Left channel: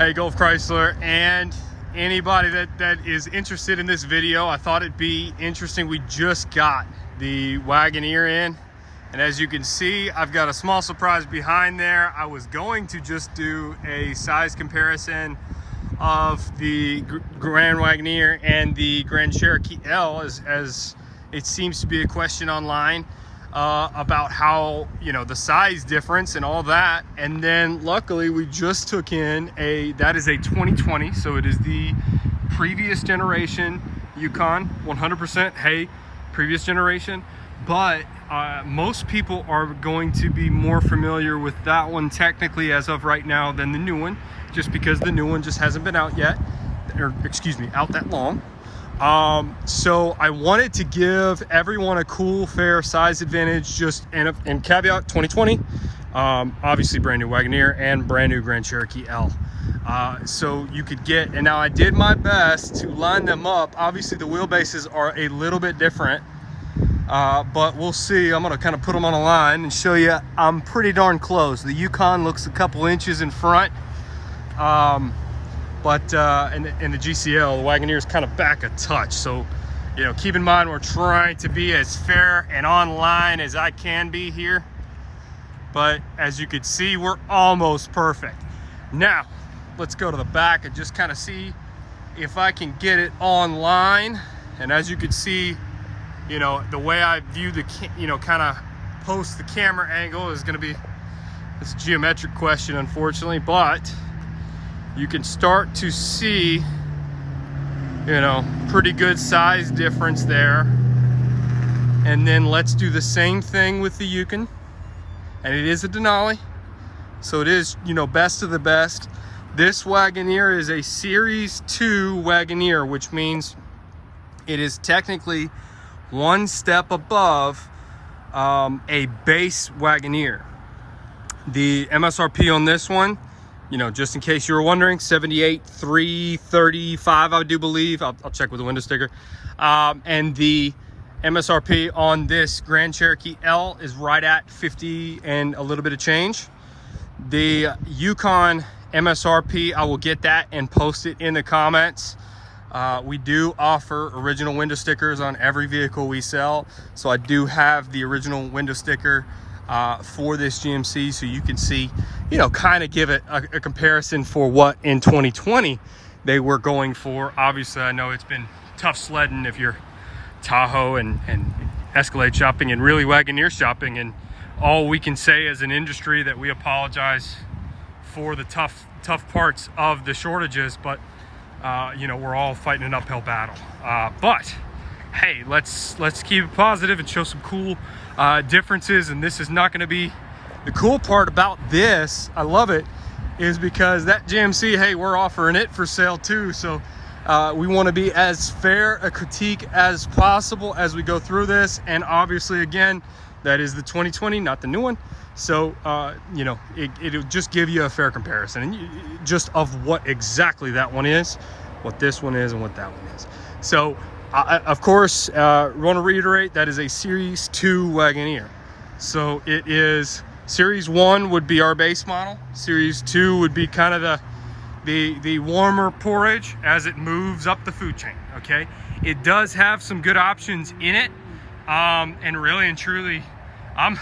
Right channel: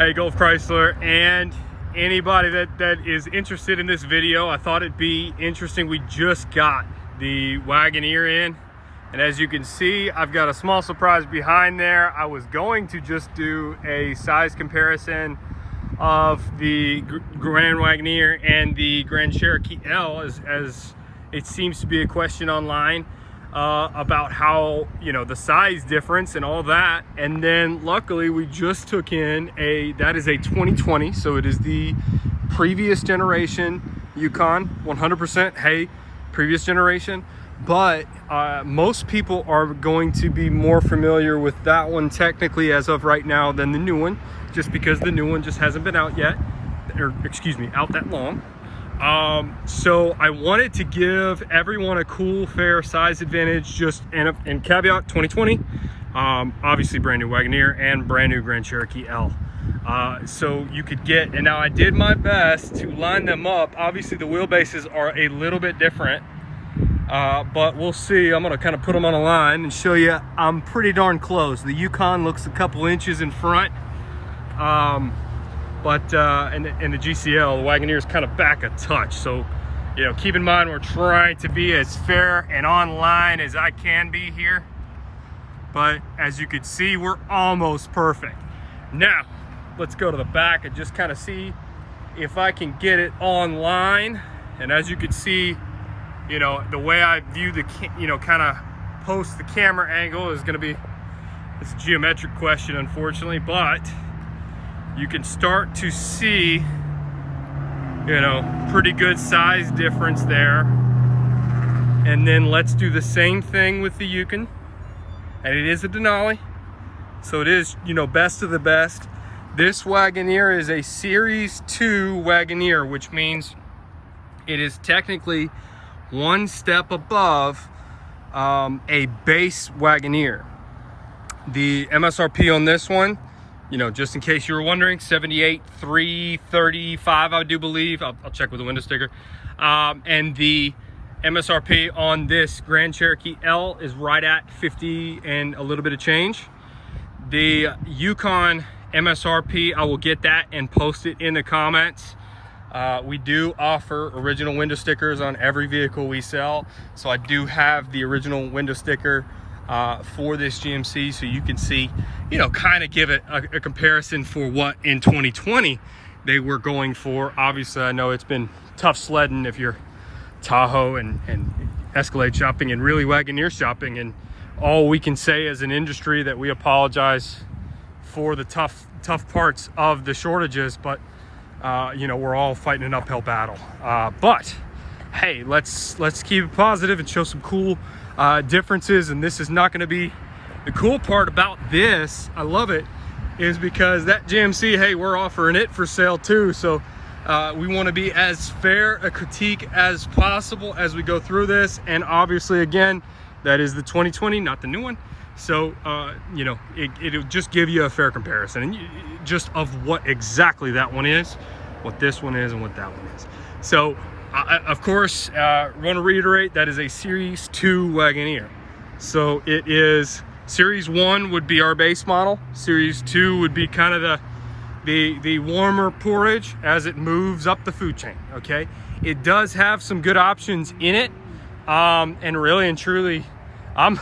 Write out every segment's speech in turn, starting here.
Hey, Gulf Chrysler and anybody that is interested in this video, I thought it'd be interesting. We just got the Wagoneer in, and as you can see, I've got a small surprise behind there. I was going to just do a size comparison of the Grand Wagoneer and the Grand Cherokee L, as it seems to be a question online about how, you know, the size difference and all that. And then luckily we just took in that is a 2020, so it is the previous generation Yukon, 100%. Hey, previous generation. But most people are going to be more familiar with that one technically as of right now than the new one, just because the new one just hasn't been out yet, or excuse me, out that long. So I wanted to give everyone a cool, fair size advantage, just and caveat 2020, obviously brand new Wagoneer and brand new Grand Cherokee L. So you could get, and now I did my best to line them up. Obviously the wheelbases are a little bit different, but we'll see. I'm gonna kind of put them on a line and show you I'm pretty darn close. The Yukon looks a couple inches in front. But in the GCL, the Wagoneer is kind of back a touch. So, you know, keep in mind, we're trying to be as fair and online as I can be here. But as you can see, we're almost perfect. Now, let's go to the back and just kind of see if I can get it online. And as you can see, you know, the way I view the, you know, kind of post the camera angle is going to be, it's a geometric question, unfortunately, but you can start to see, you know, pretty good size difference there. And then let's do the same thing with the Yukon. And it is a Denali, so it is, you know, best of the best. This Wagoneer is a Series 2 Wagoneer, which means it is technically one step above a base Wagoneer. The MSRP on this one, you know, just in case you were wondering, $78,335, I do believe. I'll check with the window sticker. And the MSRP on this Grand Cherokee L is right at 50 and a little bit of change. The Yukon MSRP, I will get that and post it in the comments. We do offer original window stickers on every vehicle we sell. So I do have the original window sticker for this GMC, so you can see, you know, kind of give it a comparison for what in 2020 they were going for. Obviously, I know it's been tough sledding if you're Tahoe and Escalade shopping and really Wagoneer shopping, and all we can say as an industry that we apologize for the tough parts of the shortages, but you know, we're all fighting an uphill battle. But hey, let's keep it positive and show some cool differences. And this is not going to be the cool part about this. I love it, is because that GMC, hey, we're offering it for sale too. So we want to be as fair a critique as possible as we go through this. And obviously, again, that is the 2020, not the new one. So you know, it'll just give you a fair comparison, and just of what exactly that one is, what this one is, and what that one is. So of course, want to reiterate, that is a Series 2 Wagoneer. So it is, Series 1 would be our base model. Series 2 would be kind of the warmer porridge as it moves up the food chain, okay? It does have some good options in it. And really and truly, I'm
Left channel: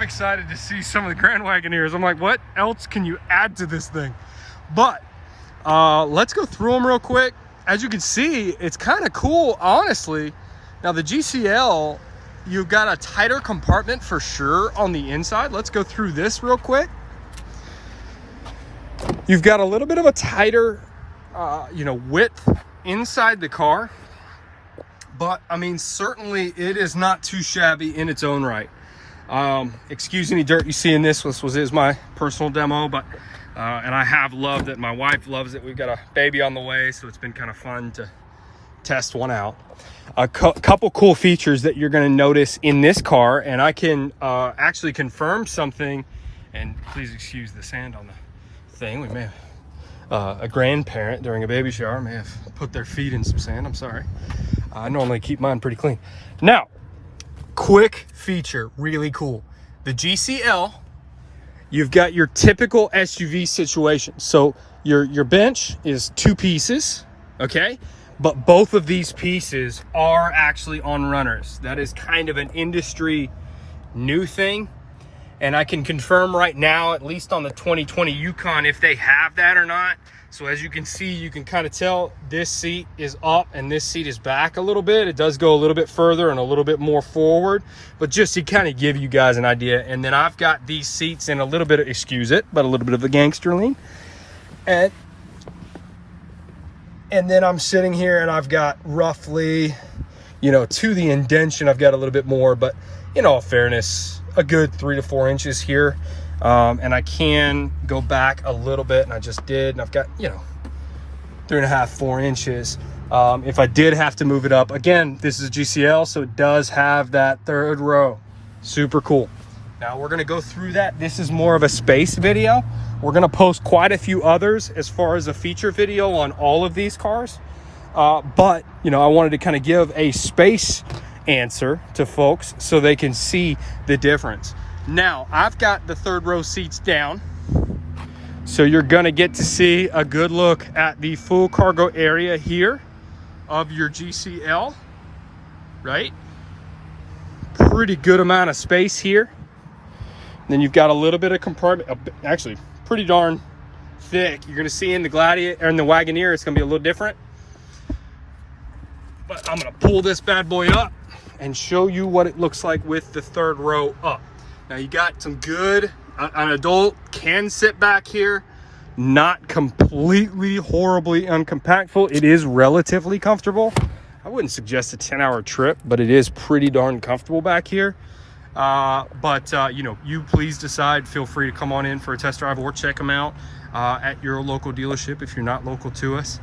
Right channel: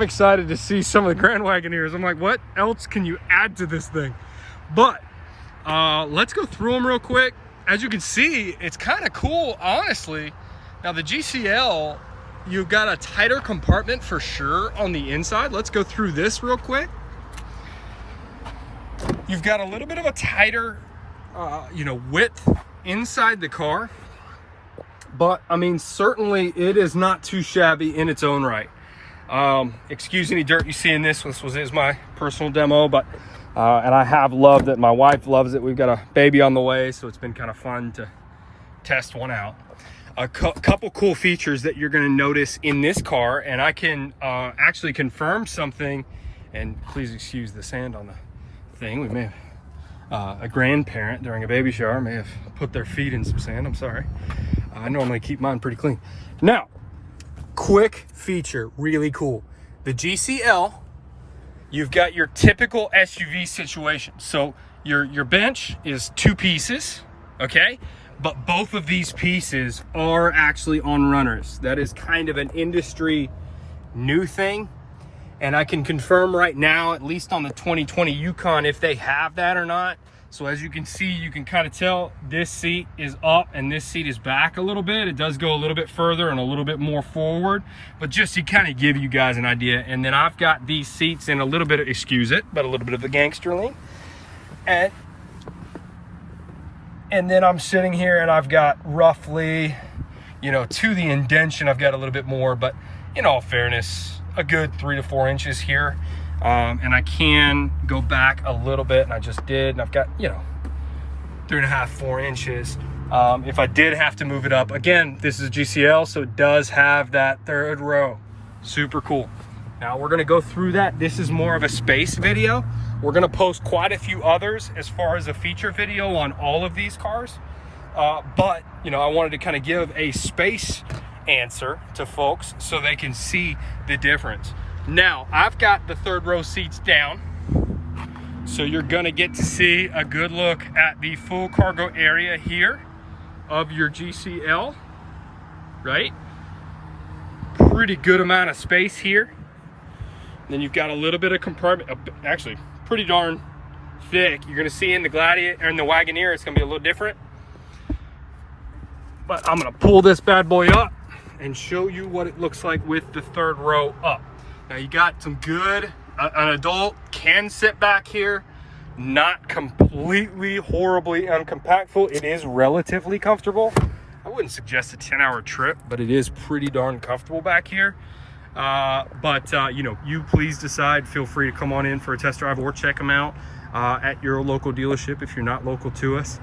excited to see some of the Grand Wagoneers. I'm like, what else can you add to this thing? But let's go through them real quick. As you can see, it's kind of cool, honestly. Now the GCL, you've got a tighter compartment for sure on the inside. Let's go through this real quick. You've got a little bit of a tighter, you know, width inside the car. But I mean, certainly it is not too shabby in its own right. Excuse any dirt you see in this. This is my personal demo, but and I have loved it. My wife loves it. We've got a baby on the way, so it's been kind of fun to test one out. A couple cool features that you're going to notice in this car, and I can actually confirm something, and please excuse the sand on the thing. We may have a grandparent during a baby shower may have put their feet in some sand. I'm sorry. I normally keep mine pretty clean. Now, quick feature, really cool. The GCL you've got your typical SUV situation. So your bench is 2 pieces, okay? But both of these pieces are actually on runners. That is kind of an industry new thing. And I can confirm right now, at least on the 2020 Yukon, if they have that or not. So as you can see, you can kind of tell this seat is up and this seat is back a little bit. It does go a little bit further and a little bit more forward, but just to kind of give you guys an idea. And then I've got these seats in a little bit of, excuse it, but a little bit of the gangster lean. And then I'm sitting here and I've got roughly, you know, to the indention, I've got a little bit more, but in all fairness, a good 3 to 4 inches here. And I can go back a little bit, and I just did, and I've got, you know, 3.5, 4 inches. If I did have to move it up, again, this is a GCL, so it does have that 3rd row. Super cool. Now we're gonna go through that. This is more of a space video. We're gonna post quite a few others as far as a feature video on all of these cars. But, you know, I wanted to kind of give a space answer to folks so they can see the difference. Now, I've got the 3rd row seats down, so you're gonna get to see a good look at the full cargo area here of your GCL, right? Pretty good amount of space here. Then you've got a little bit of compartment, actually pretty darn thick. You're gonna see in the Gladiator or in the Wagoneer, it's gonna be a little different. But I'm gonna pull this bad boy up and show you what it looks like with the 3rd row up. Now you got some good, an adult can sit back here, not completely horribly uncompactful. It is relatively comfortable. I wouldn't suggest a 10-hour trip, but it is pretty darn comfortable back here. You know, you please decide, feel free to come on in for a test drive or check them out at your local dealership if you're not local to us.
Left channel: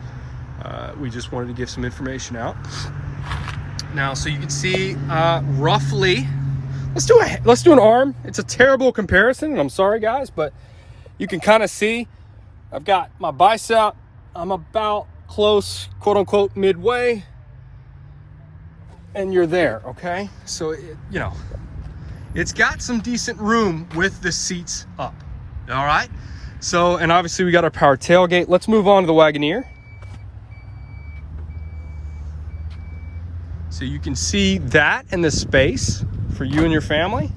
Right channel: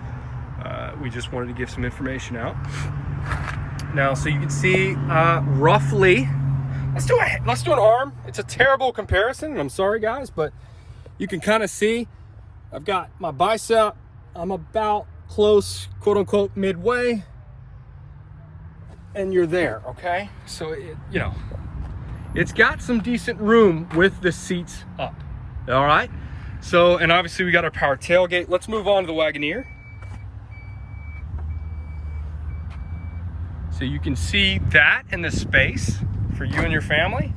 We just wanted to give some information out. Now, so you can see roughly, let's do an arm. It's a terrible comparison, and I'm sorry guys, but you can kind of see I've got my bicep. I'm about close, quote unquote, midway, and you're there, okay? So you know, it's got some decent room with the seats up. All right. So, and obviously we got our power tailgate. Let's move on to the Wagoneer. So you can see that and the space for you and your family.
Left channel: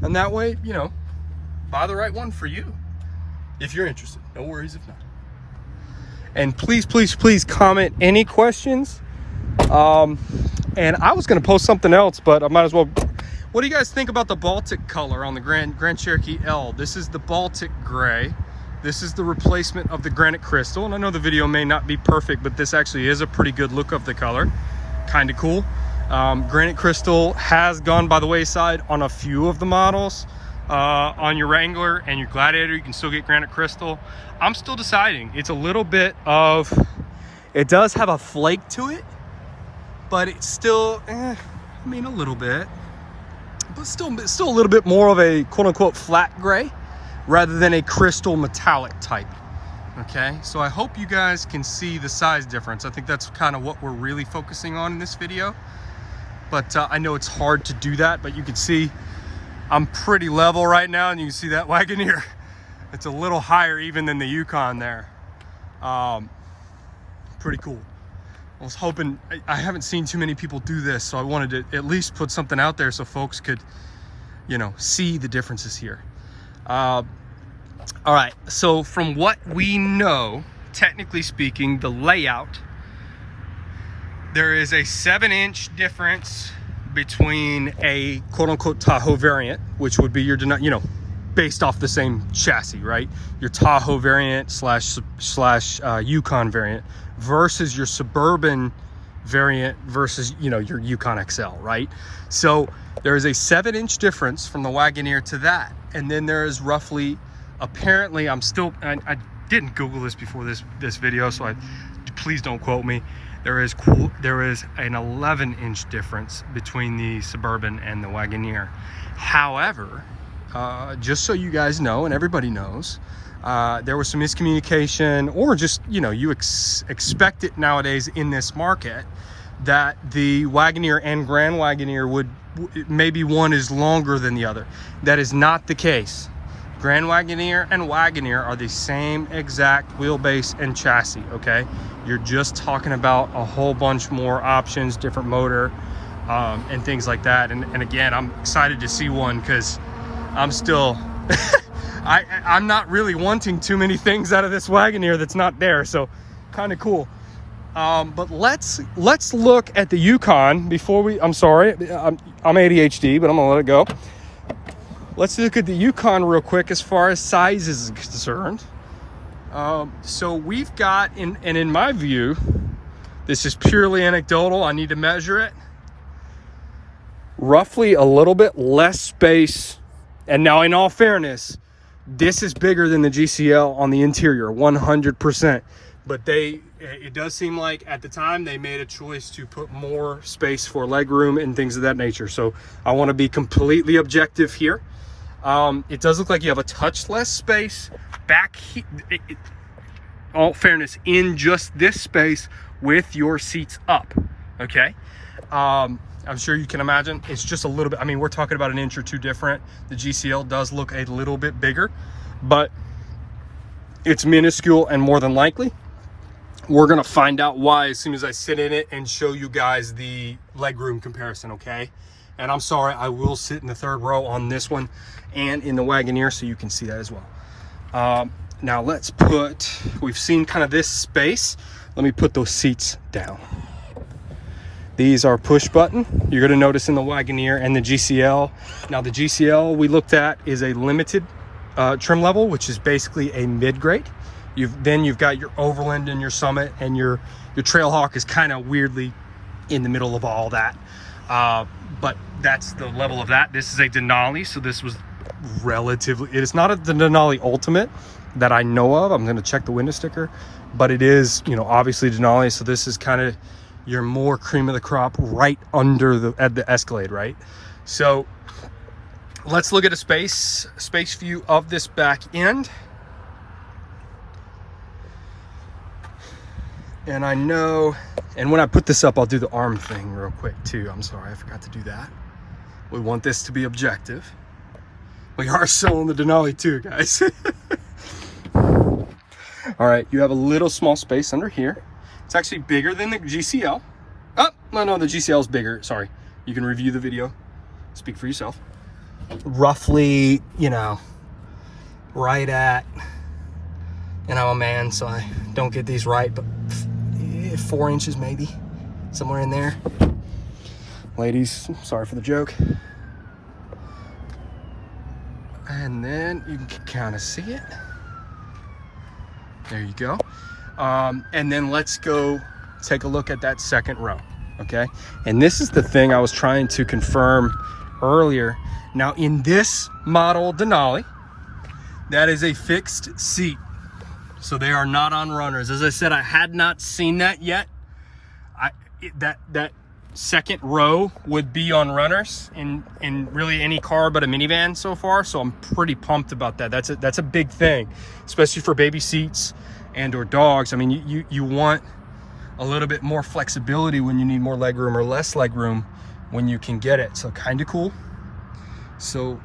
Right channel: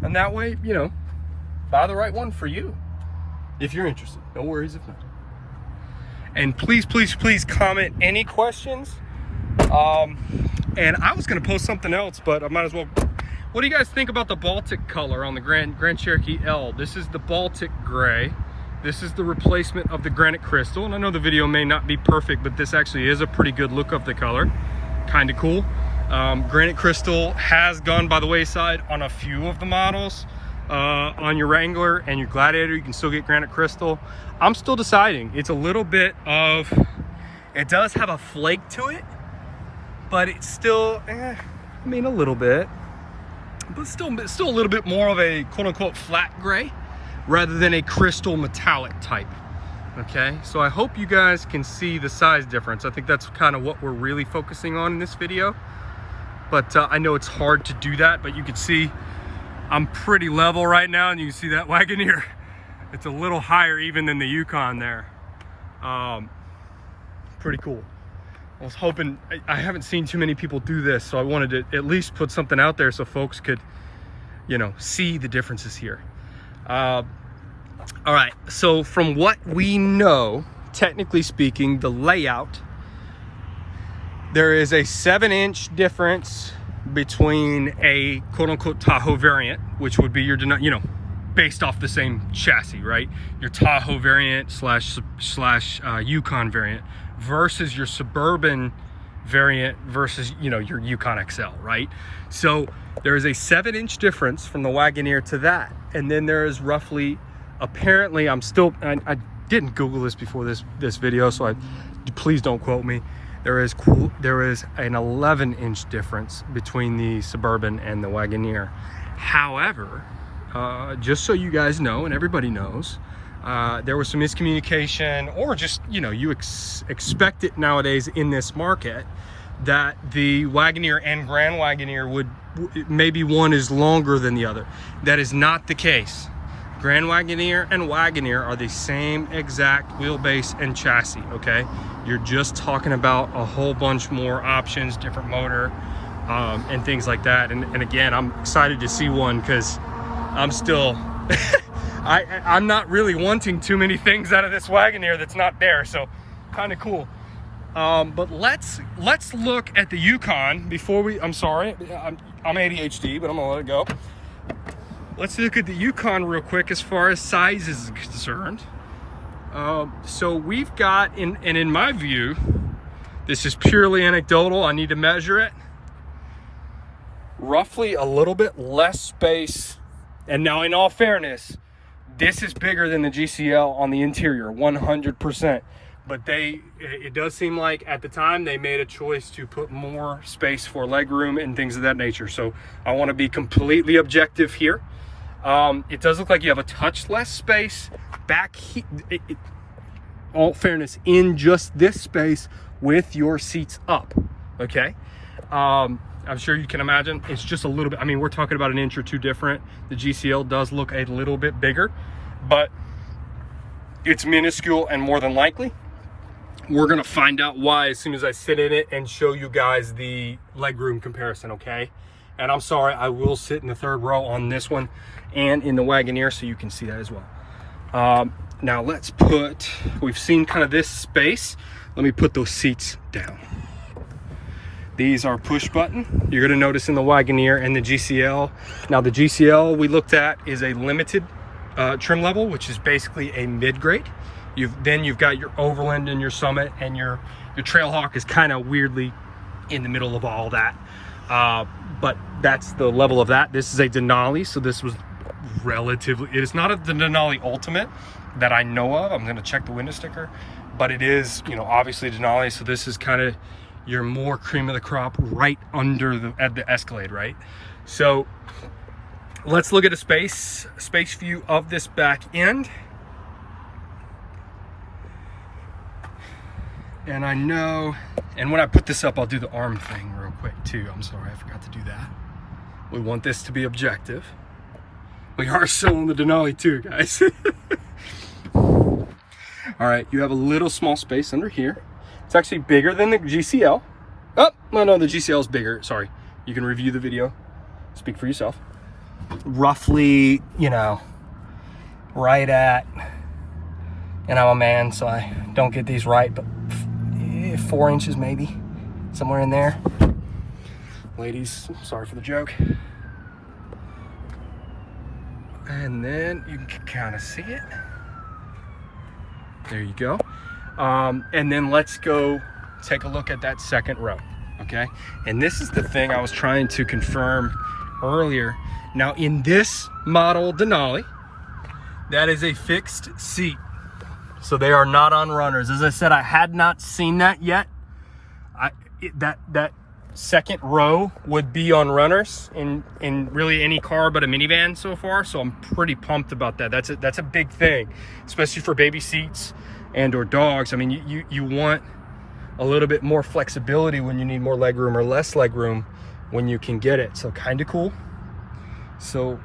And that way, you know, buy the right one for you if you're interested. No worries if not. And please, please, please comment any questions. And I was gonna post something else, but I might as well. What do you guys think about the Baltic color on the Grand Cherokee L? This is the Baltic gray. This is the replacement of the granite crystal. And I know the video may not be perfect, but this actually is a pretty good look of the color. Kind of cool. Granite crystal has gone by the wayside on a few of the models. On your Wrangler and your Gladiator, you can still get granite crystal. I'm still deciding. It's a little bit of, it does have a flake to it, but it's still, I mean, a little bit, but still a little bit more of a quote unquote flat gray rather than a crystal metallic type. Okay, so I hope you guys can see the size difference. I think that's kind of what we're really focusing on in this video. But I know it's hard to do that, but you can see I'm pretty level right now, and you can see that Wagoneer. It's a little higher even than the Yukon there. Pretty cool. I was hoping, I haven't seen too many people do this, so I wanted to at least put something out there so folks could, you know, see the differences here. All right, so from what we know, technically speaking, the layout, there is a 7-inch difference between a quote-unquote Tahoe variant, which would be your, you know, based off the same chassis, right? Your Tahoe variant slash Yukon variant versus your Suburban variant versus, you know, your Yukon XL, right? So there is a 7-inch difference from the Wagoneer to that. And then there is roughly, apparently, I didn't Google this before this video, so please don't quote me. There is an 11-inch difference between the Suburban and the Wagoneer. However, just so you guys know, and everybody knows, there was some miscommunication, or just, you know, you expect it nowadays in this market, that the Wagoneer and Grand Wagoneer maybe one is longer than the other. That is not the case. Grand Wagoneer and Wagoneer are the same exact wheelbase and chassis, okay? You're just talking about a whole bunch more options, different motor, and things like that. And again, I'm excited to see one because I'm still, I'm not really wanting too many things out of this Wagoneer that's not there, so kind of cool. But let's look at the Yukon before we, I'm sorry, I'm ADHD, but I'm gonna let it go. Let's look at the Yukon real quick as far as size is concerned. So we've got, and in my view, this is purely anecdotal, I need to measure it, roughly a little bit less space. And now in all fairness, this is bigger than the GCL on the interior, 100%. But it does seem like at the time they made a choice to put more space for legroom and things of that nature. So I want to be completely objective here. It does look like you have a touch less space back here, all fairness, in just this space with your seats up, okay? I'm sure you can imagine it's just a little bit, I mean, we're talking about an inch or two different. The GCL does look a little bit bigger, but it's minuscule, and more than likely we're gonna find out why as soon as I sit in it and show you guys the legroom comparison, okay? And I'm sorry, I will sit in the third row on this one and in the Wagoneer so you can see that as well. Now let's put, we've seen kind of this space. Let me put those seats down. These are push button. You're gonna notice in the Wagoneer and the GCL. Now the GCL we looked at is a limited trim level, which is basically a mid-grade. Then you've got your Overland and your Summit, and your Trailhawk is kind of weirdly in the middle of all that. But that's the level of that. This is a Denali, so this was relatively, it is not the Denali Ultimate that I know of. I'm going to check the window sticker, but it is, you know, obviously Denali. So this is kind of your more cream of the crop right under at the Escalade, right? So let's look at a space view of this back end. And I know, and when I put this up, I'll do the arm thing real quick too. I'm sorry, I forgot to do that. We want this to be objective. We are selling the Denali too, guys. All right, you have a little small space under here. It's actually bigger than the GCL. Oh, no, the GCL is bigger. Sorry, you can review the video. Speak for yourself. Roughly, you know, right at, and I'm a man, so I don't get these right, but 4 inches maybe, somewhere in there. Ladies, sorry for the joke. And then you can kind of see it. There you go. And then let's go take a look at that second row, okay? And this is the thing I was trying to confirm earlier. Now in this model Denali, that is a fixed seat. So they are not on runners. As I said, I had not seen that yet. That second row would be on runners in really any car but a minivan so far. So I'm pretty pumped about that. That's a big thing, especially for baby seats and or dogs. I mean, you want a little bit more flexibility when you need more legroom or less legroom when you can get it. So kind of cool. So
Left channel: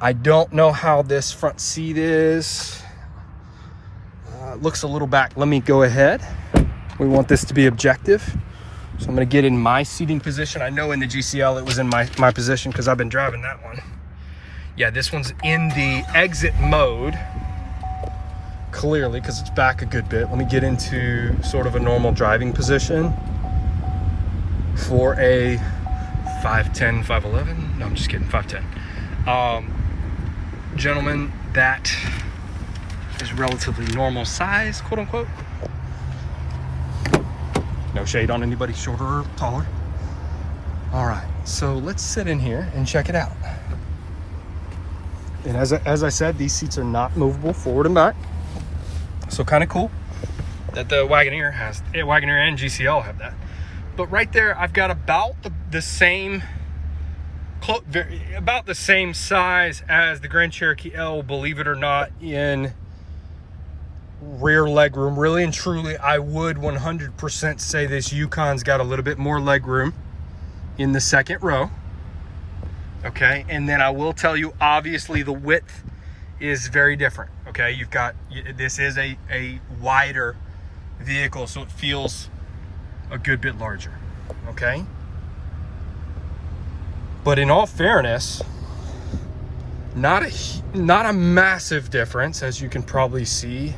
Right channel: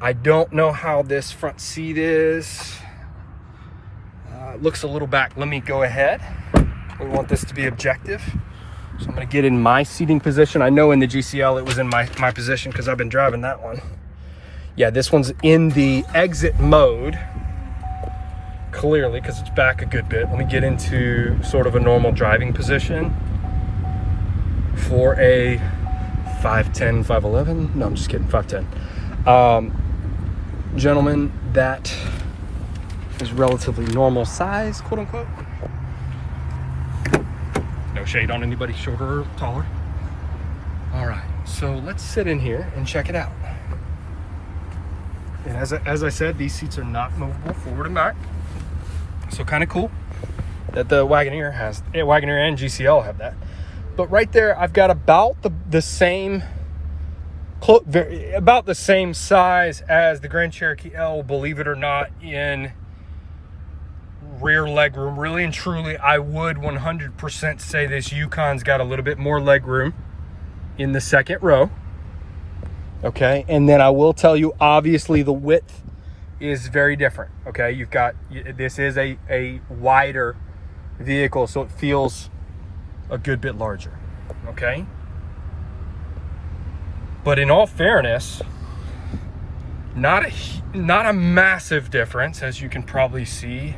I don't know how this front seat is. Looks a little back. Let me go ahead. We want this to be objective. So I'm gonna get in my seating position. I know in the GCL it was in my position because I've been driving that one. Yeah, this one's in the exit mode, clearly, because it's back a good bit. Let me get into sort of a normal driving position for a 5'10", 5'11". No, I'm just kidding, 5'10". Gentlemen, that is relatively normal size, quote unquote. No shade on anybody shorter or taller. All right, so let's sit in here and check it out. And as I said, these seats are not movable forward and back. So kind of cool that the Wagoneer has, Wagoneer and GCL have that. But right there, I've got about the same, about the same size as the Grand Cherokee L, believe it or not, in rear legroom. Really and truly, I would 100% say this Yukon's got a little bit more legroom in the second row. Okay, and then I will tell you, obviously the width is very different. Okay, you've got, this is a wider vehicle, so it feels a good bit larger. Okay, but in all fairness, not a massive difference, as you can probably see.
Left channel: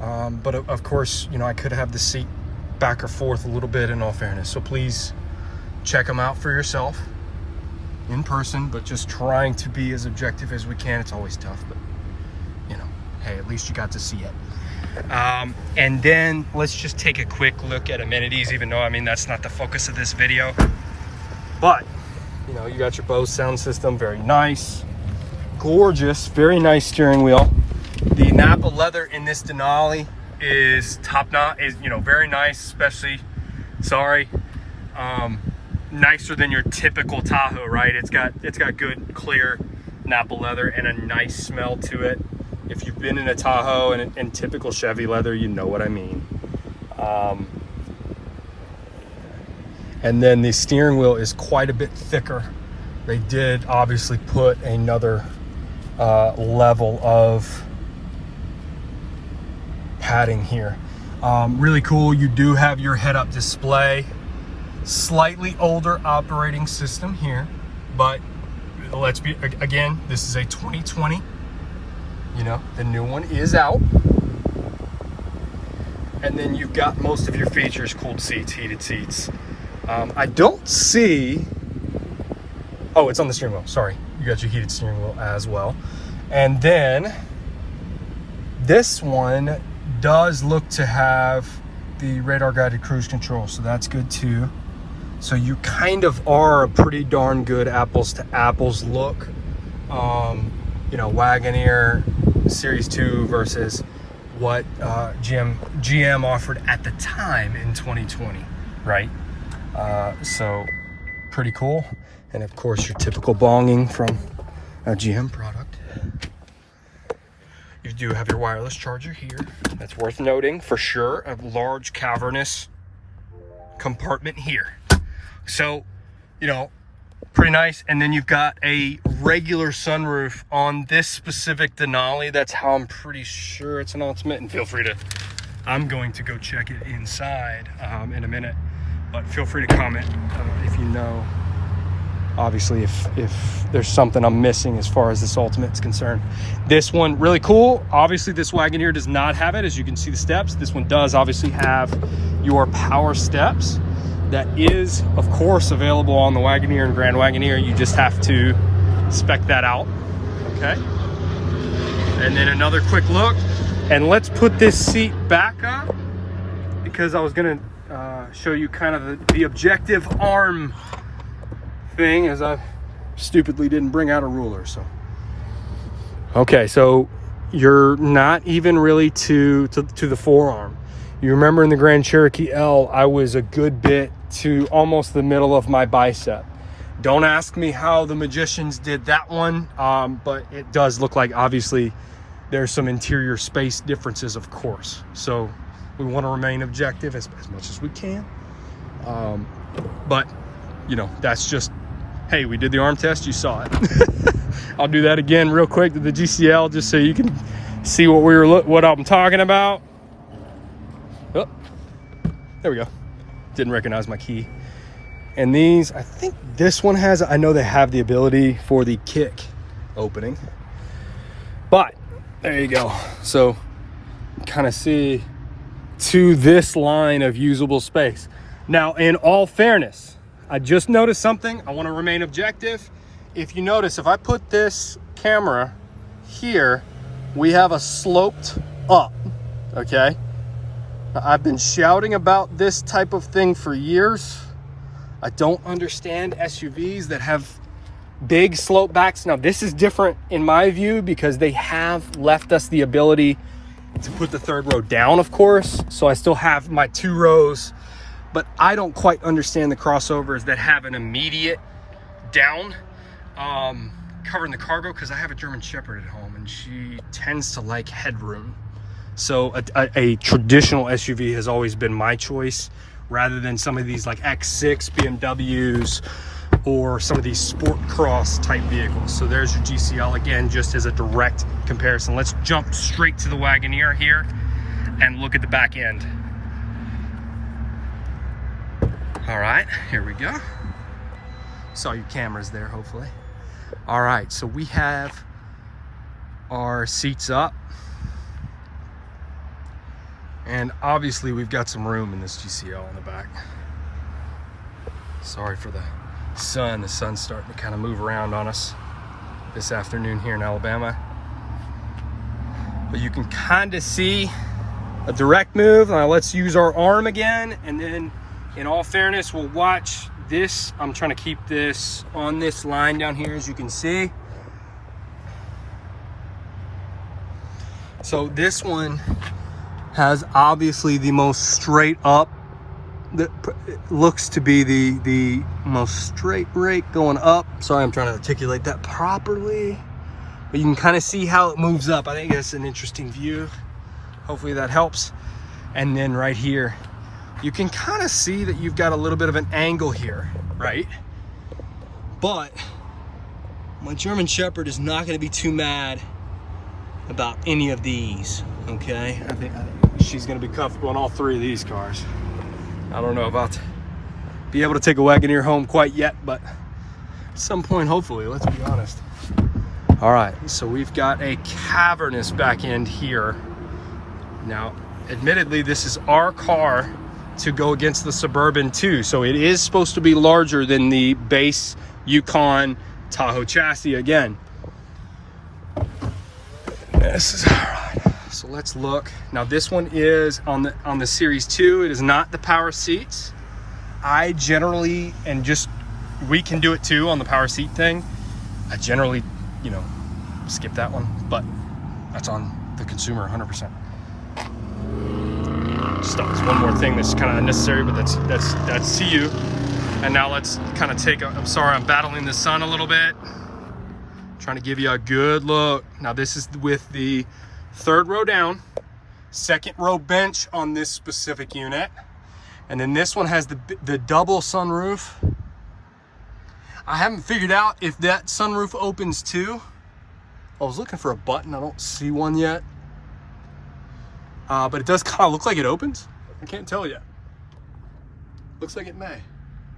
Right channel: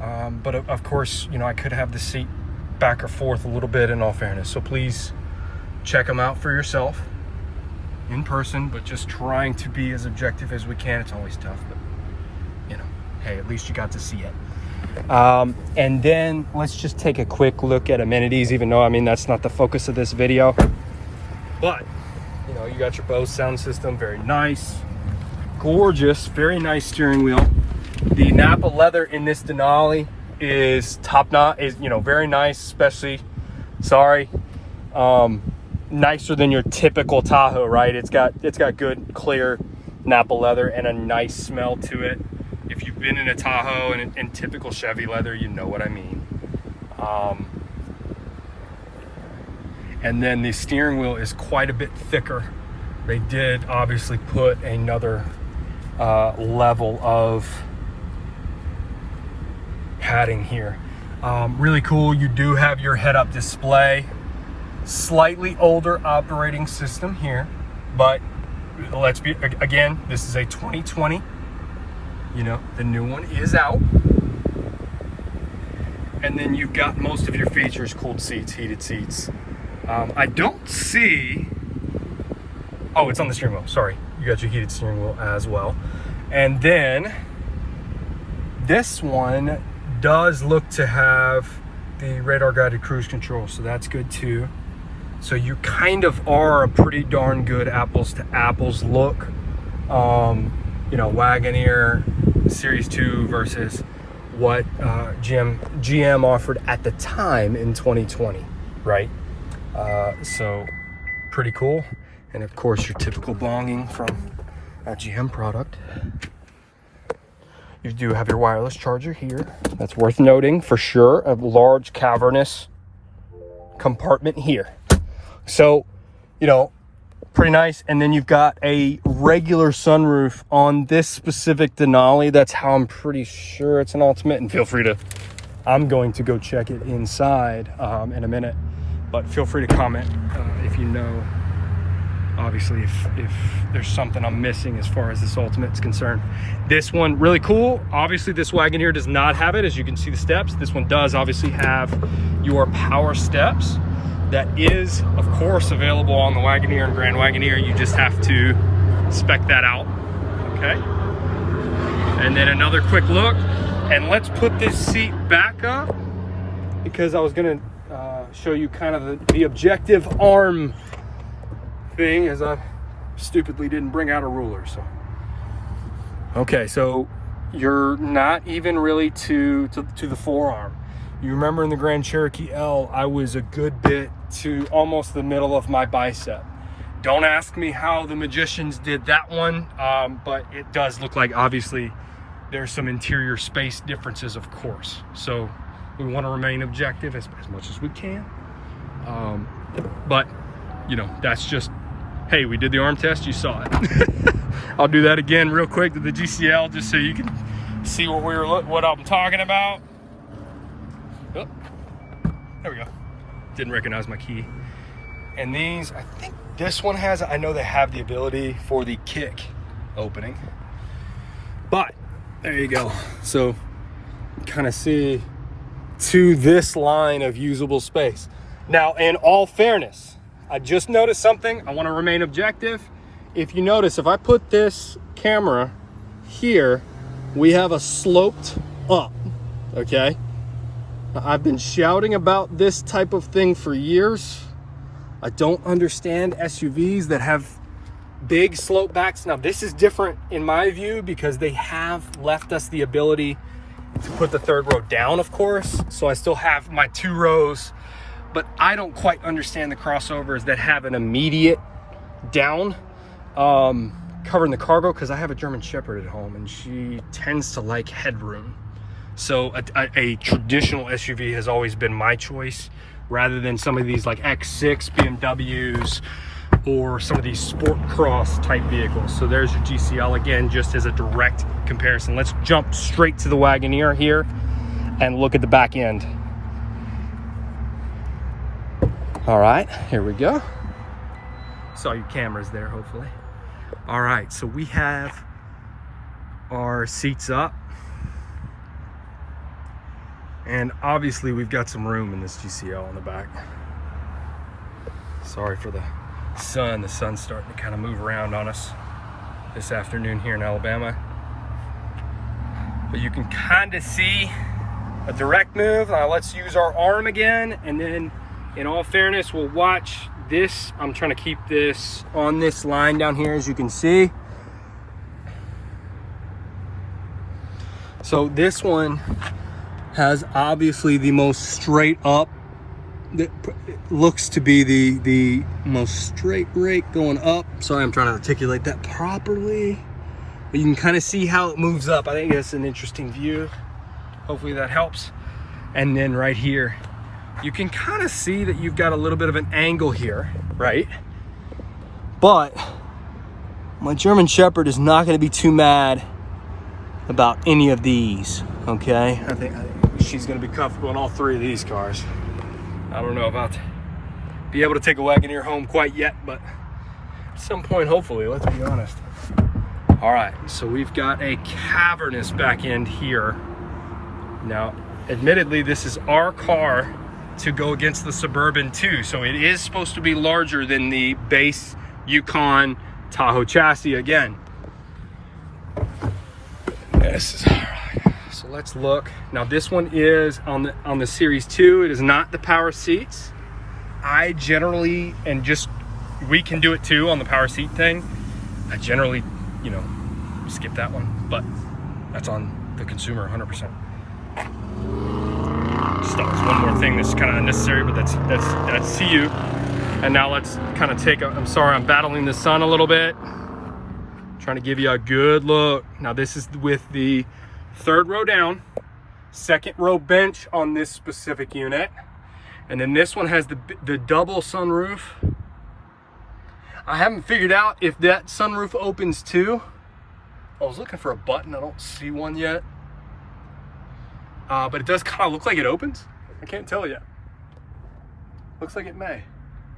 But of course, you know, I could have the seat back or forth a little bit in all fairness. So please check them out for yourself in person, but just trying to be as objective as we can. It's always tough, but you know, hey, at least you got to see it. And then let's just take a quick look at amenities, even though, I mean, that's not the focus of this video. But, you know, you got your Bose sound system, very nice. Gorgeous, very nice steering wheel. The Napa leather in this Denali is top notch, is, you know, very nice, especially, nicer than your typical Tahoe, right? It's got good, clear Napa leather and a nice smell to it. If you've been in a Tahoe and typical Chevy leather, you know what I mean. And then the steering wheel is quite a bit thicker. They did obviously put another level of padding here. Really cool. You do have your head-up display. Slightly older operating system here, but let's be, again, this is a 2020. You know, the new one is out. And then you've got most of your features: cooled seats, heated seats. I don't see, oh, it's on the steering wheel, sorry. You got your heated steering wheel as well. And then this one does look to have the radar guided cruise control, so that's good too. So you kind of are a pretty darn good apples to apples look. You know, Wagoneer Series 2 versus what GM offered at the time in 2020, right? So pretty cool. And of course, your typical bonging from a GM product. You do have your wireless charger here. That's worth noting for sure. A large cavernous compartment here. So, you know, pretty nice. And then you've got a regular sunroof on this specific Denali. That's how I'm pretty sure it's an Ultimate. And feel free to, I'm going to go check it inside in a minute. But feel free to comment if you know, obviously, if there's something I'm missing as far as this Ultimate is concerned. This one, really cool. Obviously, this Wagoneer does not have it, as you can see the steps. This one does obviously have your power steps. That is, of course, available on the Wagoneer and Grand Wagoneer. You just have to spec that out, okay? And then another quick look. And let's put this seat back up, because I was gonna show you kind of the objective arm thing, as I stupidly didn't bring out a ruler. So okay, so you're not even really to the forearm. You remember in the Grand Cherokee L, I was a good bit to almost the middle of my bicep. Don't ask me how the magicians did that one, but it does look like, obviously, there's some interior space differences, of course. So we want to remain objective as much as we can. But, you know, that's just, hey, we did the arm test, you saw it. I'll do that again real quick to the GCL, just so you can see what I'm talking about. Oh, there we go. Didn't recognize my key. And these, I think this one has, I know they have the ability for the kick opening, but there you go. So kind of see to this line of usable space. Now, in all fairness, I just noticed something. I want to remain objective. If you notice, if I put this camera here, we have a sloped up, okay? Now, I've been shouting about this type of thing for years. I don't understand SUVs that have big slope backs. Now, this is different in my view, because they have left us the ability to put the third row down, of course. So I still have my 2 rows, but I don't quite understand the crossovers that have an immediate down covering the cargo, because I have a German Shepherd at home and she tends to like headroom. So a traditional SUV has always been my choice, rather than some of these like X6 BMWs, or some of these sport cross type vehicles. So there's your GCL again, just as a direct comparison. Let's jump straight to the Wagoneer here and look at the back end. All right, here we go. Saw your cameras there, hopefully. All right, so we have our seats up. And obviously we've got some room in this GCL in the back. Sorry for the sun. The sun's starting to kind of move around on us this afternoon here in Alabama. But you can kind of see a direct move. Let's use our arm again. And then in all fairness, we'll watch this. I'm trying to keep this on this line down here, as you can see. So this one has obviously the most straight up, that looks to be the most straight rate going up. Sorry, I'm trying to articulate that properly, but you can kind of see how it moves up. I think that's an interesting view. Hopefully that helps. And then right here, you can kind of see that you've got a little bit of an angle here, right? But my German Shepherd is not going to be too mad about any of these, okay? I think she's going to be comfortable in all three of these cars. I don't know about to be able to take a Wagoneer home quite yet, but at some point, hopefully, let's be honest. All right, so we've got a cavernous back end here. Now, admittedly, this is our car to go against the Suburban too, so it is supposed to be larger than the base Yukon Tahoe chassis again. This is all right. So let's look. Now this one is on the Series 2. It is not the power seats. I generally, and just we can do it too on the power seat thing. I generally, you know, skip that one, but that's on the consumer 100%. Just thought was one more thing that's kind of unnecessary, but that's to you. And now let's kind of take a, I'm sorry, I'm battling the sun a little bit. Trying to give you a good look. Now this is with the third row down, second row bench on this specific unit. And then this one has the double sunroof. I haven't figured out if that sunroof opens too. I was looking for a button, I don't see one yet. But it does kind of look like it opens. I can't tell yet. Looks like it may.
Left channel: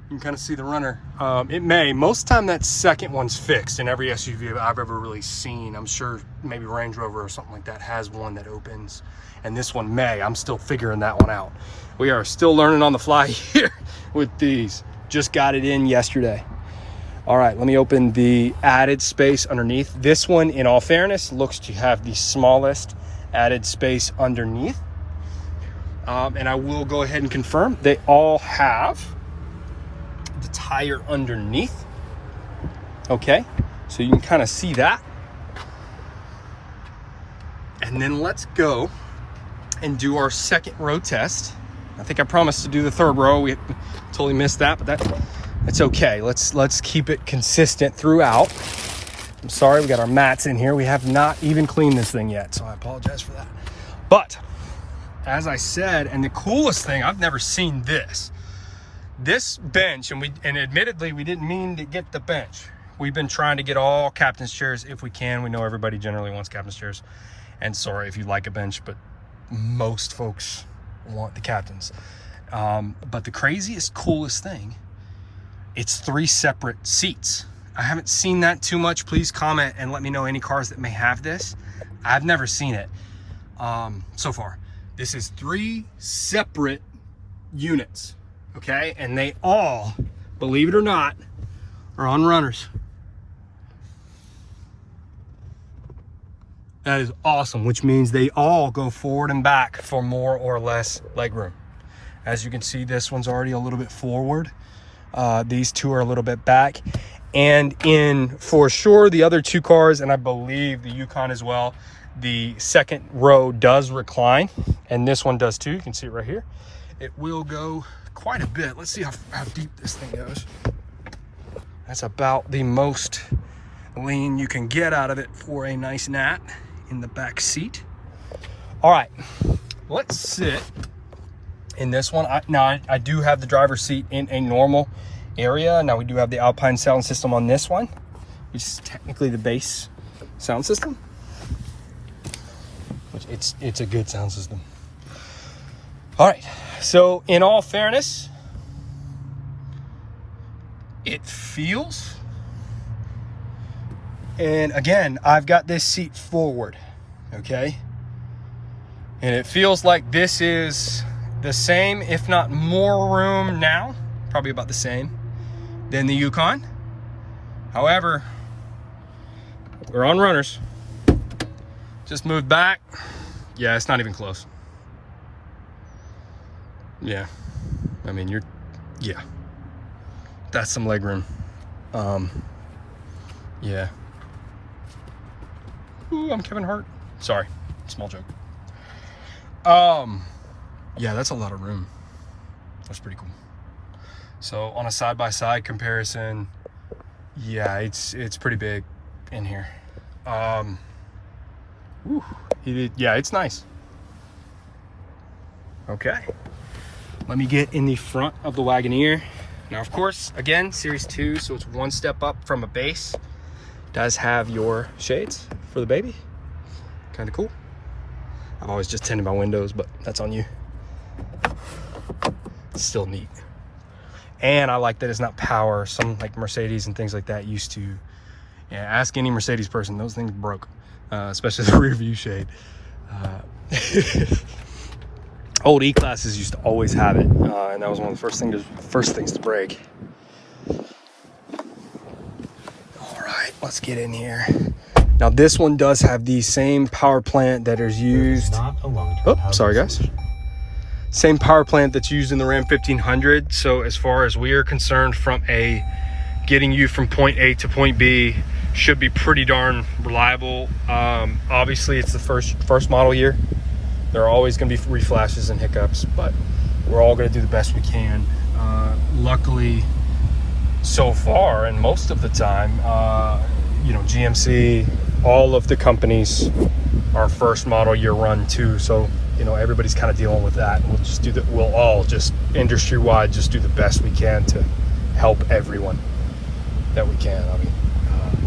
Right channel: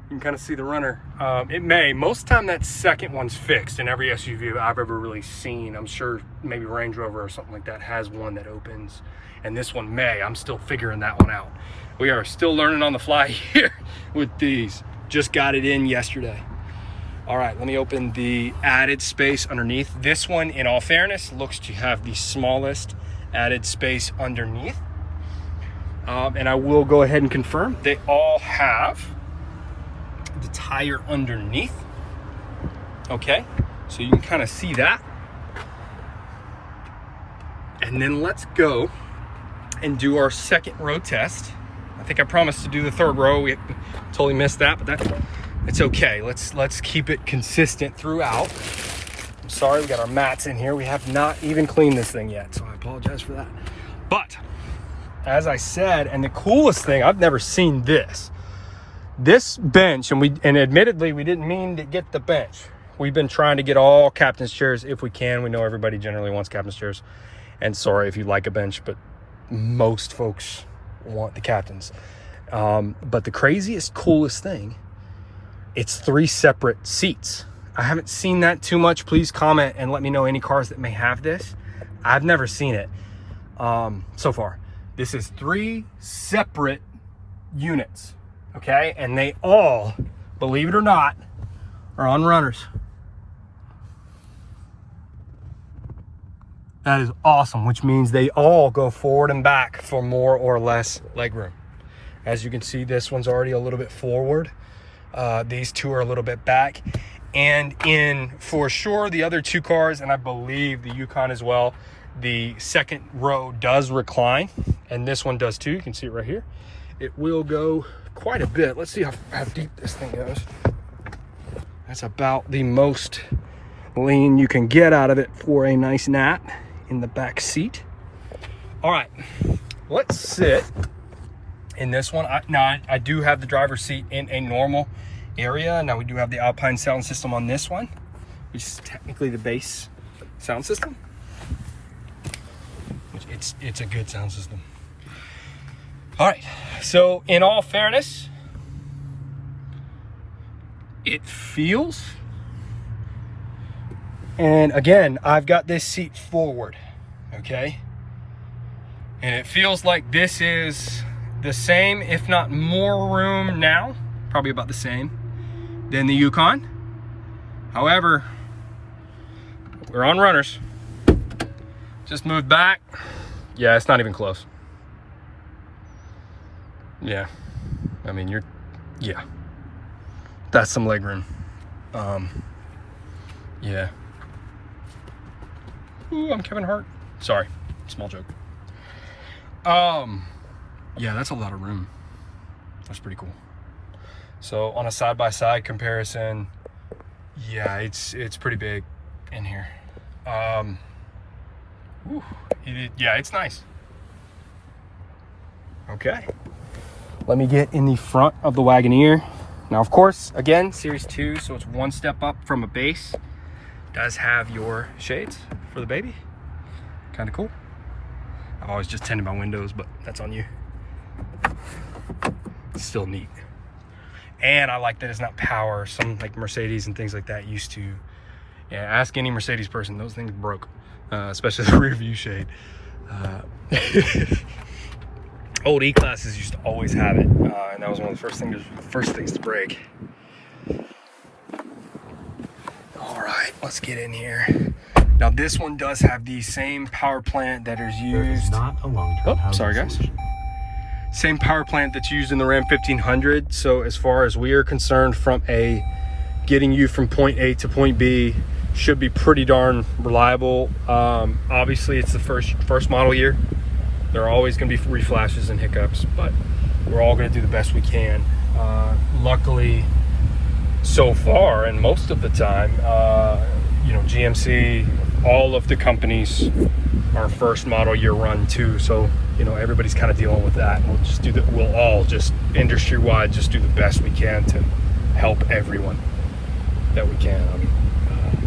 You can kind of see the runner. It may. Most of the time that second one's fixed in every SUV I've ever really seen. I'm sure maybe Range Rover or something like that has one that opens. And this one may. I'm still figuring that one out. We are still learning on the fly here with these. Just got it in yesterday. All right, let me open the added space underneath. This one, in all fairness, looks to have the smallest added space underneath. And I will go ahead and confirm they all have the tire underneath. Okay, so you can kind of see that. And then let's go and do our second row test. I think I promised to do the third row. We totally missed that, but it's okay. Let's keep it consistent throughout. I'm sorry, we got our mats in here. We have not even cleaned this thing yet, so I apologize for that. But as I said, and the coolest thing, I've never seen this bench, and admittedly we didn't mean to get the bench. We've been trying to get all captain's chairs if we can. We know everybody generally wants captain's chairs, and sorry if you like a bench, but most folks want the captains. But the craziest, coolest thing, it's 3 separate seats. I haven't seen that too much. Please comment and let me know any cars that may have this. I've never seen it so far. This is 3 separate units, okay? And they all, believe it or not, are on runners. That is awesome, which means they all go forward and back for more or less legroom. As you can see, this one's already a little bit forward. These two are a little bit back. And in, for sure, the other 2 cars, and I believe the Yukon as well, the second row does recline, and this one does too. You can see it right here. It will go quite a bit. Let's see how deep this thing goes. That's about the most lean you can get out of it for a nice nap in the back seat. All right, let's sit in this one. I do have the driver's seat in a normal area. Now we do have the Alpine sound system on this one, which is technically the base sound system. It's a good sound system. All right, so in all fairness, it feels, and again, I've got this seat forward, okay? And it feels like this is the same, if not more room now, probably about the same, than the Yukon. However, we're on runners. Just moved back. Yeah, it's not even close. Yeah, I mean, yeah. That's some leg room. Yeah. Ooh, I'm Kevin Hart. Sorry, small joke. Yeah, that's a lot of room. That's pretty cool. So on a side-by-side comparison, yeah, it's pretty big in here. Yeah, it's nice. Okay, let me get in the front of the Wagoneer. Now, of course, again, Series 2, so it's one step up from a base. Does have your shades for the baby. Kind of cool. I've always just tinted my windows, but that's on you. It's still neat. And I like that it's not power. Some like Mercedes and things like that used to, yeah, ask any Mercedes person, those things broke, especially the rear view shade. Old E-classes used to always have it, and that was one of the first things to break. All right, let's get in here. Now this one does have the same power plant that is used. Not a long-term Sorry guys. Same power plant that's used in the Ram 1500. So as far as we are concerned, from getting you from point A to point B, should be pretty darn reliable. Obviously, it's the first model year. There are always going to be reflashes and hiccups, but we're all going to do the best we can. Luckily, so far, and most of the time, you know, GMC, all of the companies are first model year run too. So, you know, everybody's kind of dealing with that. We'll all just industry-wide just do the best we can to help everyone that we can. I mean,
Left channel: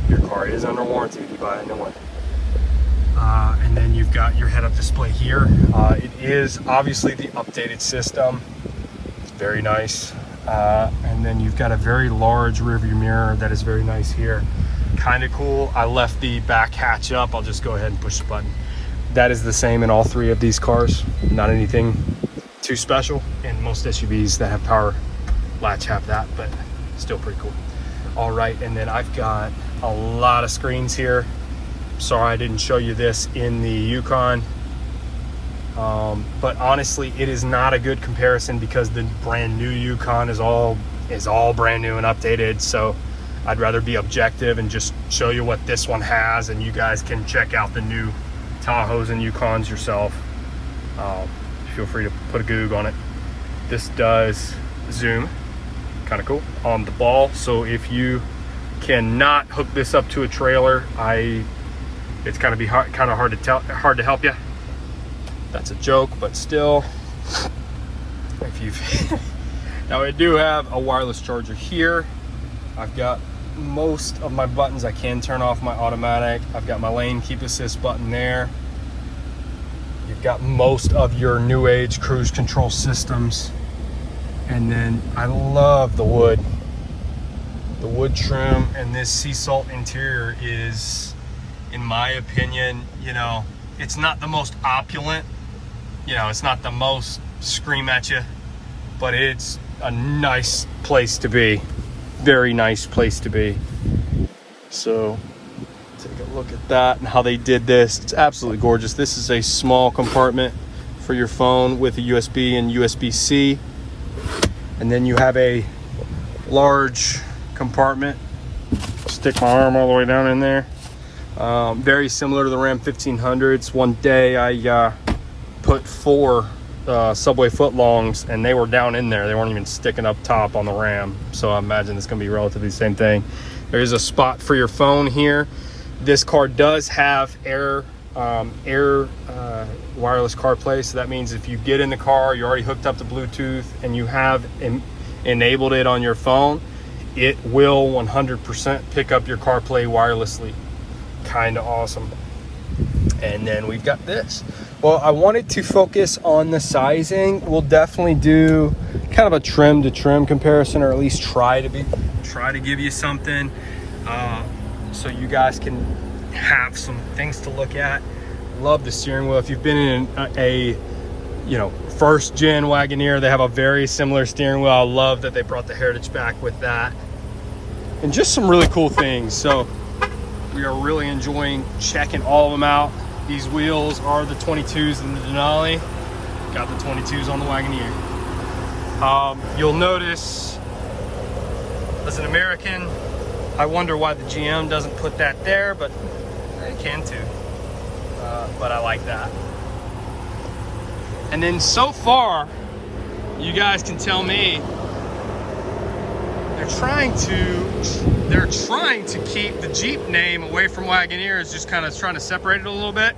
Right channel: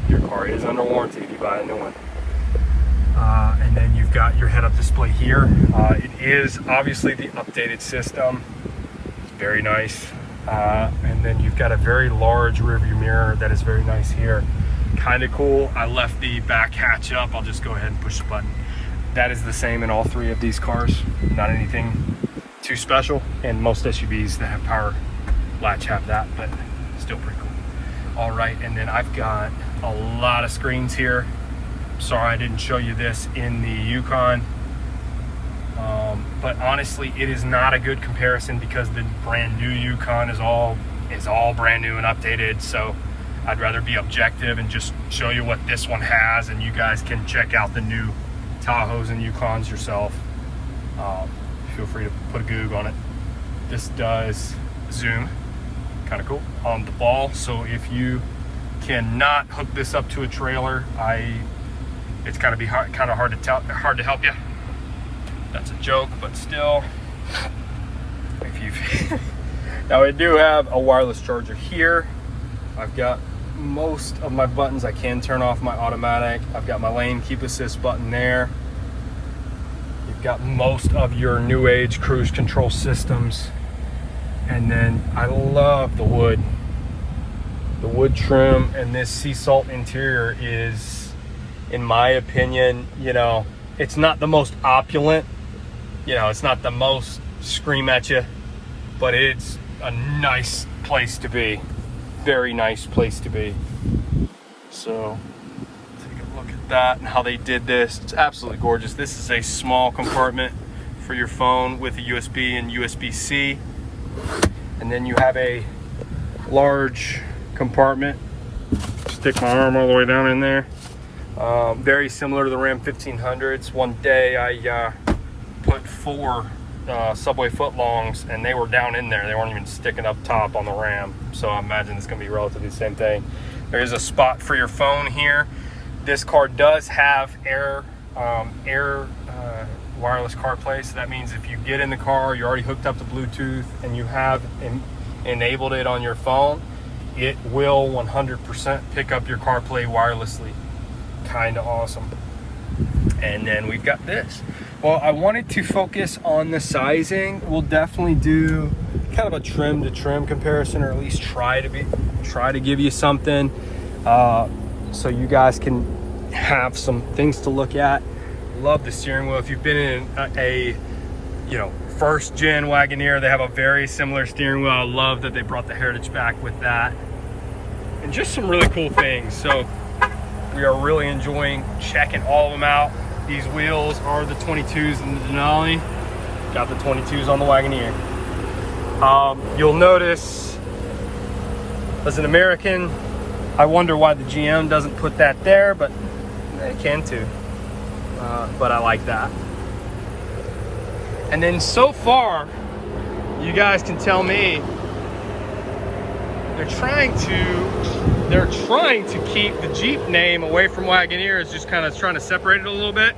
your car is under warranty if you buy a new one. And then you've got your head-up display here. It is obviously the updated system. It's very nice. And then you've got a very large rear view mirror that is very nice here. Kind of cool. I left the back hatch up. I'll just go ahead and push the button. That is the same in all three of these cars. Not anything too special. And most SUVs that have power latch have that, but still pretty cool. All right, and then I've got a lot of screens here. Sorry I didn't show you this in the Yukon. But honestly, it is not a good comparison because the brand new Yukon is all brand new and updated. So I'd rather be objective and just show you what this one has, and you guys can check out the new Tahoes and Yukons yourself. Feel free to put a Goog on it. This does zoom, kind of cool, on the ball. So if you cannot hook this up to a trailer, it's gonna be hard to help you. That's a joke, but still, now I do have a wireless charger here. I've got most of my buttons. I can turn off my automatic. I've got my lane keep assist button there. You've got most of your new age cruise control systems. And then I love the wood. The wood trim and this sea salt interior is, in my opinion, you know, it's not the most opulent, you know, it's not the most scream at you, but it's a nice place to be. Very nice place to be. So take a look at that and how they did this. It's absolutely gorgeous. This is a small compartment for your phone with a USB and USB-C. And then you have a large compartment. Stick my arm all the way down in there. Very similar to the Ram 1500s. One day I put 4 Subway footlongs and they were down in there. They weren't even sticking up top on the Ram. So I imagine it's gonna be relatively the same thing. There is a spot for your phone here. This car does have air wireless CarPlay. So that means if you get in the car, you're already hooked up to Bluetooth and you have enabled it on your phone, it will 100% pick up your CarPlay wirelessly. Kind of awesome. And then we've got this. Well, I wanted to focus on the sizing. We'll definitely do kind of a trim to trim comparison, or at least try to give you something so you guys can have some things to look at. Love the steering wheel. If you've been in a you know, first gen Wagoneer, they have a very similar steering wheel. I love that they brought the Heritage back with that, and just some really cool things. So we are really enjoying checking all of them out. These wheels are the 22s in the Denali. Got the 22s on the Wagoneer. You'll notice, as an American, I wonder why the GM doesn't put that there, but they can too. But I like that. And then so far, you guys can tell me, they're trying to keep the Jeep name away from Wagoneer. It's just kind of trying to separate it a little bit.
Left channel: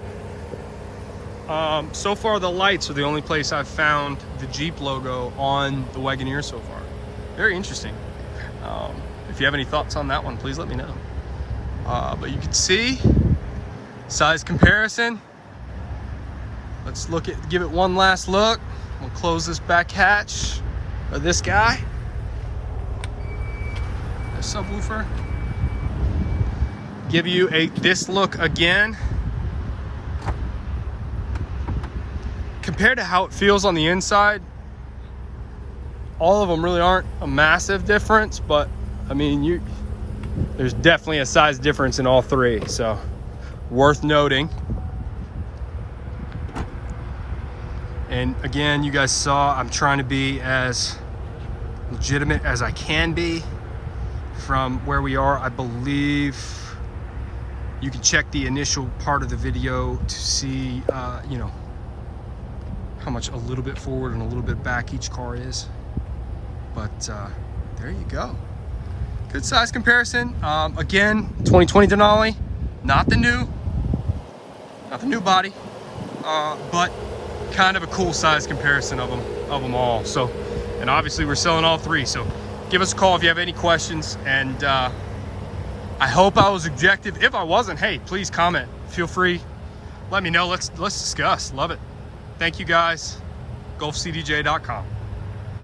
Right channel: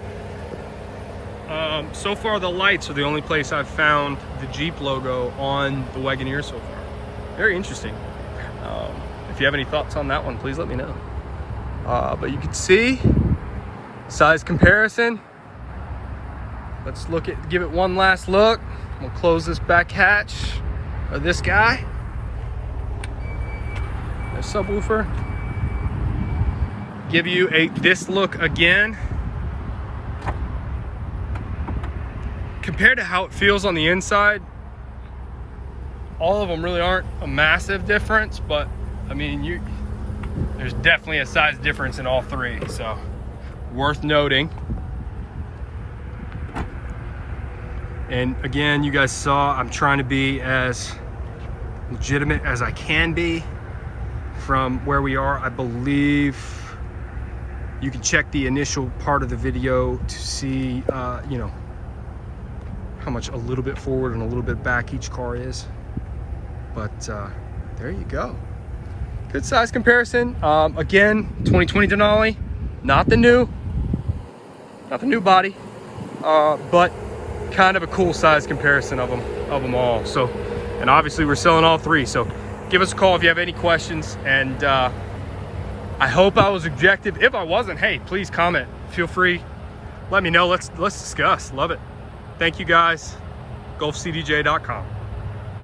So far, the lights are the only place I've found the Jeep logo on the Wagoneer so far. Very interesting. If you have any thoughts on that one, please let me know. But you can see size comparison. Let's give it one last look. We'll close this back hatch, or this guy. The subwoofer. Give you this look again. Compared to how it feels on the inside, all of them really aren't a massive difference, but I mean, there's definitely a size difference in all three, so worth noting. And again, you guys saw, I'm trying to be as legitimate as I can be from where we are. I believe you can check the initial part of the video to see, you know, how much a little bit forward and a little bit back each car is. But there you go. Good size comparison. Again, 2020 Denali, not the new body, but kind of a cool size comparison of them all. So, and obviously we're selling all three. So give us a call if you have any questions. And I hope I was objective. If I wasn't, hey, please comment. Feel free. Let me know. Let's discuss. Love it. Thank you guys. GulfCDJ.com.